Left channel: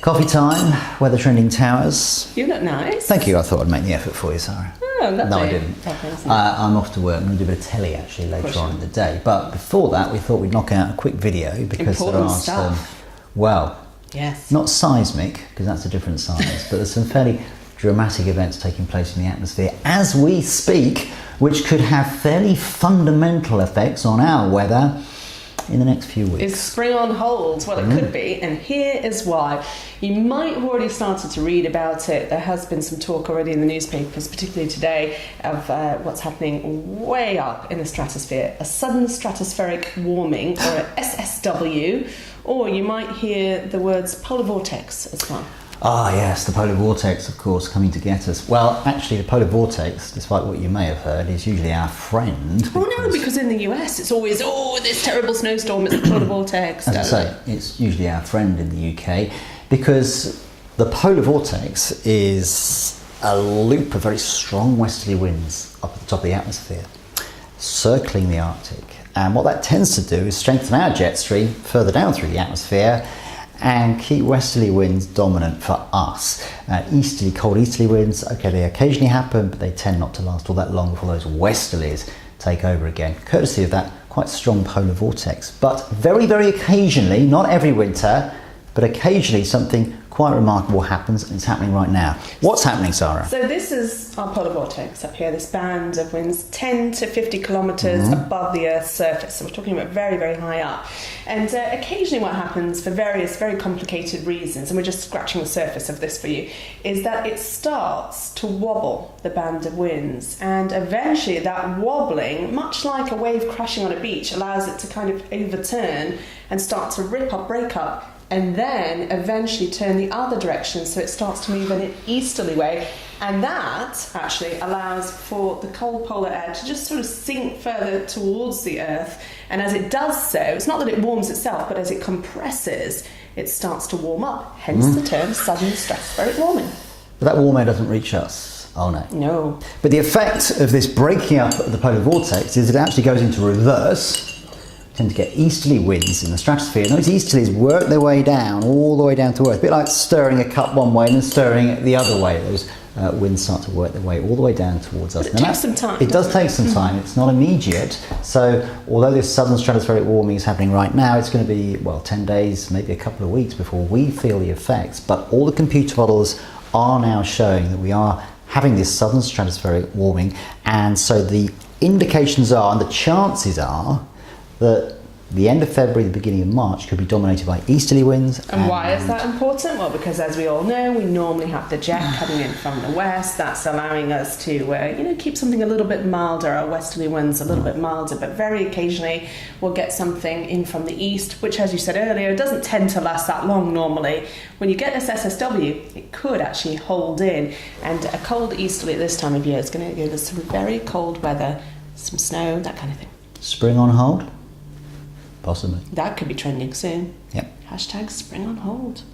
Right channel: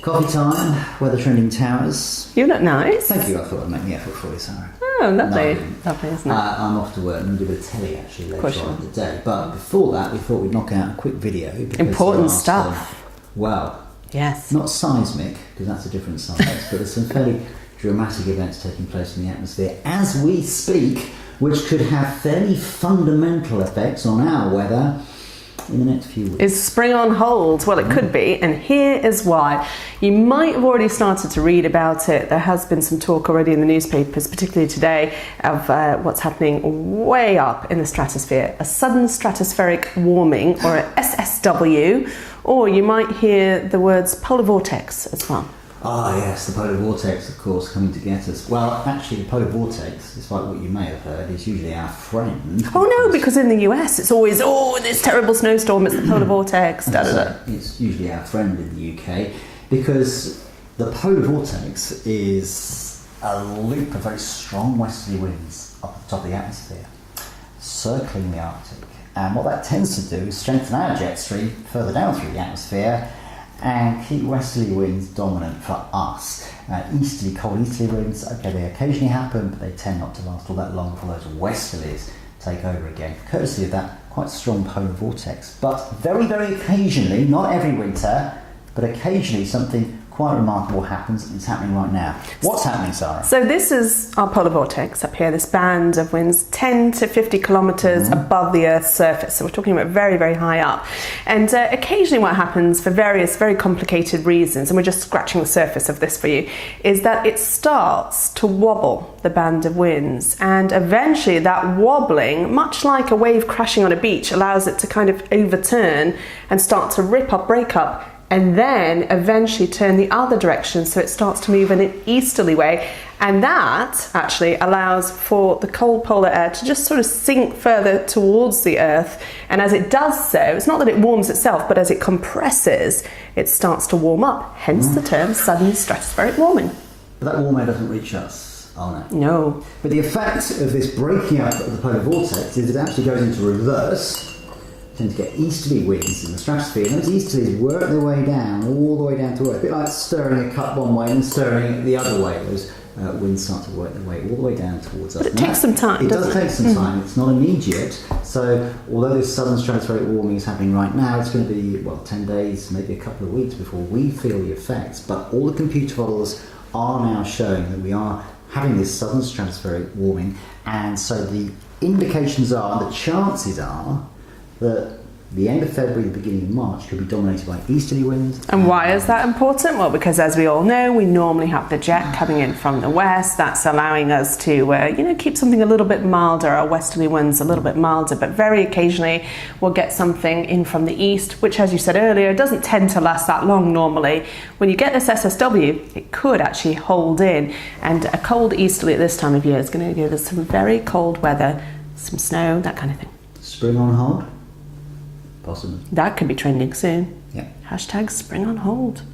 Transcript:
Coffee time, weather trending towers. You look nice. Thank you, I thought I'd make the effort for you, Sarah. Oh, lovely. No, I didn't. Lovely, isn't it? I'm off to work. I'm going to do a bit of telly actually later on in the day. But before that, we thought we'd knock out a quick video because important there are stuff. Yes. Not seismic, because that's a different size, but there's some fairly dramatic events taking place in the atmosphere as we speak, which could have fairly fundamental effects on our weather in the next few weeks. Is spring on hold? Well, it could be, and here is why. You might have already started to read about it. There has been some talk already in the newspapers, particularly today, of what's happening way up in the stratosphere. A sudden stratospheric warming, or a SSW, or you might hear the words polar vortex as well. Ah, yes, the polar vortex, of course, coming to get us. Well, actually, the polar vortex, despite what you may have heard, is usually our friend. Oh, no, because in the US it's always, this terrible snowstorm, it's the polar vortex. As I say, it's usually our friend in the UK, because the polar vortex is a loop of very strong westerly winds up at the top of the atmosphere, circling the Arctic. And what that tends to do is strengthen our jet stream further down through the atmosphere and keep westerly winds dominant for us. Cold easterly winds, okay, they occasionally happen, but they tend not to last all that long before those westerlies take over again, courtesy of that quite strong polar vortex. But very, very occasionally, not every winter, but occasionally something quite remarkable happens, and it's happening right now. What's happening, Sarah? So this is our polar vortex up here, this band of winds 10 to 50 kilometres above the Earth's surface. So we're talking about very, very high up. And occasionally what happens for various very complicated reasons, and we're just scratching the surface of this for you, is that it starts to wobble, the band of winds. And eventually that wobbling, much like a wave crashing on a beach, allows it to kind of overturn and start to rip up, break up, and then eventually turn the other direction, so it starts to move in an easterly way, and that actually allows for the cold polar air to just sort of sink further towards the Earth, and as it does so, it's not that it warms itself, but as it compresses, it starts to warm up, hence the term sudden stratospheric warming. But that warm air doesn't reach us. Oh no. No. But the effect of this breaking up of the polar vortex is it actually goes into reverse. Tend to get easterly winds in the stratosphere, and those easterlies work their way down, all the way down to Earth, a bit like stirring a cup one way and then stirring it the other way. Those winds start to work their way all the way down towards us. But it takes some time. It does take some time. It's not immediate. So although this sudden stratospheric warming is happening right now, it's going to be, 10 days, maybe a couple of weeks before we feel the effects. But all the computer models are now showing that we are having this sudden stratospheric warming, and so the indications are, and the chances are, that the end of February, the beginning of March could be dominated by easterly winds. And why is that important? Well, because as we all know, we normally have the jet coming in from the west. That's allowing us to, keep something a little bit milder. Our westerly winds a little bit milder, but very occasionally we'll get something in from the east, which, as you said earlier, doesn't tend to last that long normally. When you get this SSW, it could actually hold in, and a cold easterly at this time of year is going to give us some very cold weather, some snow, that kind of thing. Spring on hold? Possibly. That could be trending soon. Yep. #spring on hold.